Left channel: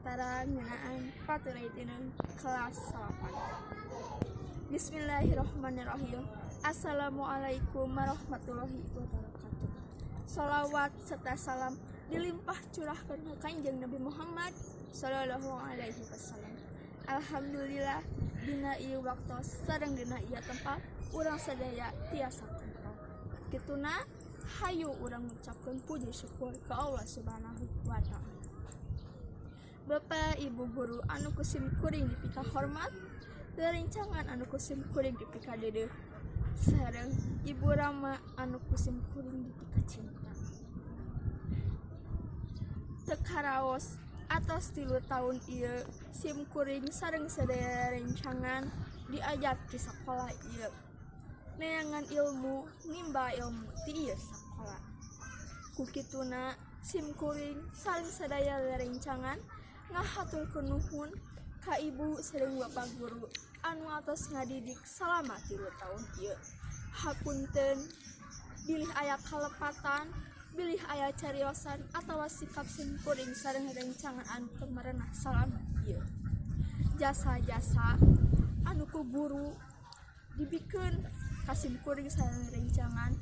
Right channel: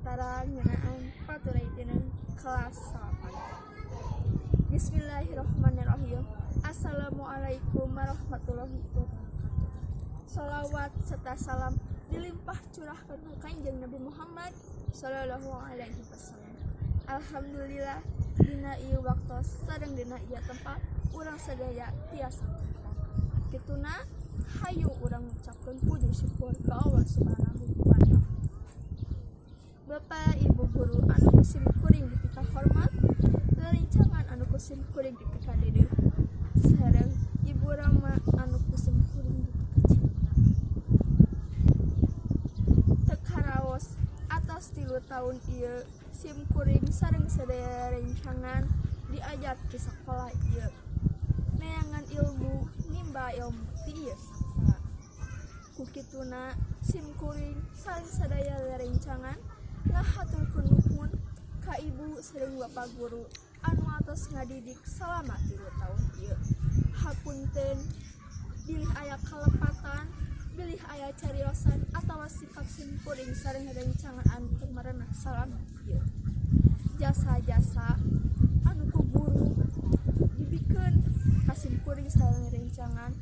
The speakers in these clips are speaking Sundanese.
antara ngeunaan paturayteuneun kelas 8. Bismillahirrahmanirrahim. Assalamualaikum warahmatullahi wabarakatuh. Shalawat serta salam dilimpah curahkeun ka Kanjeng Nabi Muhammad sallallahu alaihi wasallam. Alhamdulillah dina ieu waktos sareng dina ieu tempat urang sadaya tiasa tentram. Kituna hayu urang ngucapkeun puji syukur ka Allah Subhanahu wa taala. Bapak Ibu guru anu kusim kuring dipika hormat, rerencangan anu kusim kuring dipika dedeuh, sareng Ibu Rama anu kusim kuring dipika cinta. Teu karaos atas 3 tahun ieu sim kuring sareng sadaya rencangan diajar ti sakola ieu. Neangan ilmu nimba ilmu ti ieu sakola. Kukituna sim kuring sareng sadaya rerencangan ngahaturkeun nuhun ka ibu sareng bapak guru anu atos ngadidik salama 3 tahun ieu. Hapunten bilih aya kalepatan, bilih aya cariosan atawa sikap sim kuring sareng rerencangan anu teu marenah salama ieu. Jasa-jasa anu ku guru dibikeun ka sim kuring sareng rerencangan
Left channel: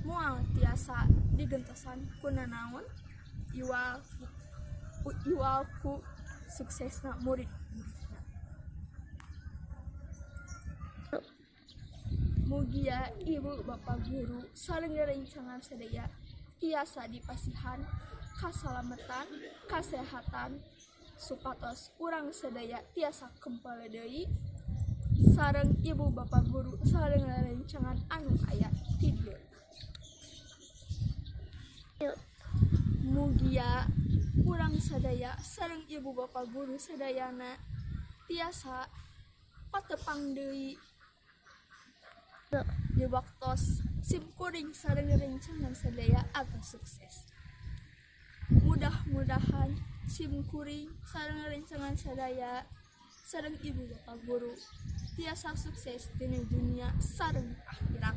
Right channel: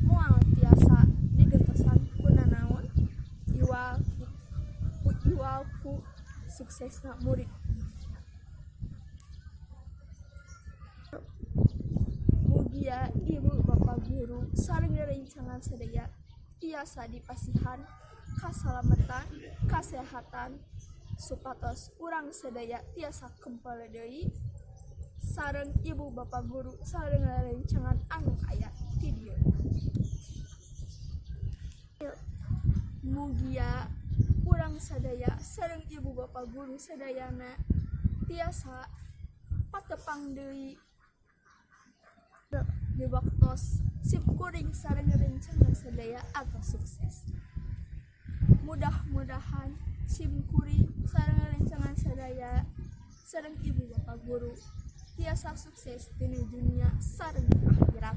moal tiasa digentosan ku nanaon iwalku suksesna murid. Mugia ibu bapak guru sareng rerencangan sadaya tiasa dipasihan kasalamatan, kasehatan supatos urang sadaya tiasa kempel deui sareng ibu bapak guru sareng rerencangan anu aya ti dieu. Mugia urang sadaya sareng ibu bapak guru sadayana tiasa patepang deui di waktos sim kuring sareng rerencangan sadaya atas sukses. Mudah-mudahan sim kuring sareng rerencangan sadaya sareng ibu bapak guru tiasa sukses dina dunia sareng akhirat.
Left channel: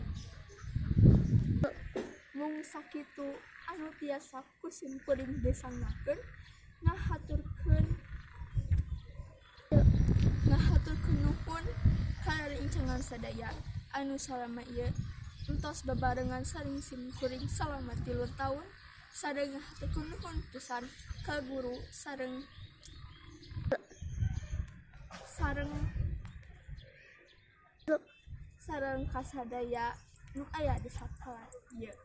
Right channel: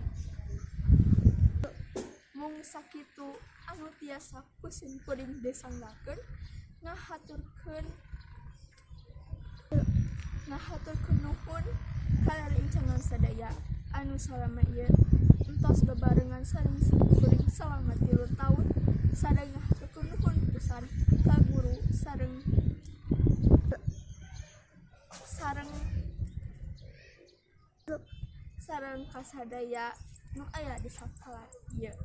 Mung sakitu anu tiasa ku sim kuring desanggakeun ngahaturkeun nuhun ka rerencangan sadaya anu salama ieu entos bebarengan sareng sim kuring salama 3 tahun sareng ngahaturkeun nuhun pisan ka guru sareng kasadaya nu aya di sakola ieu.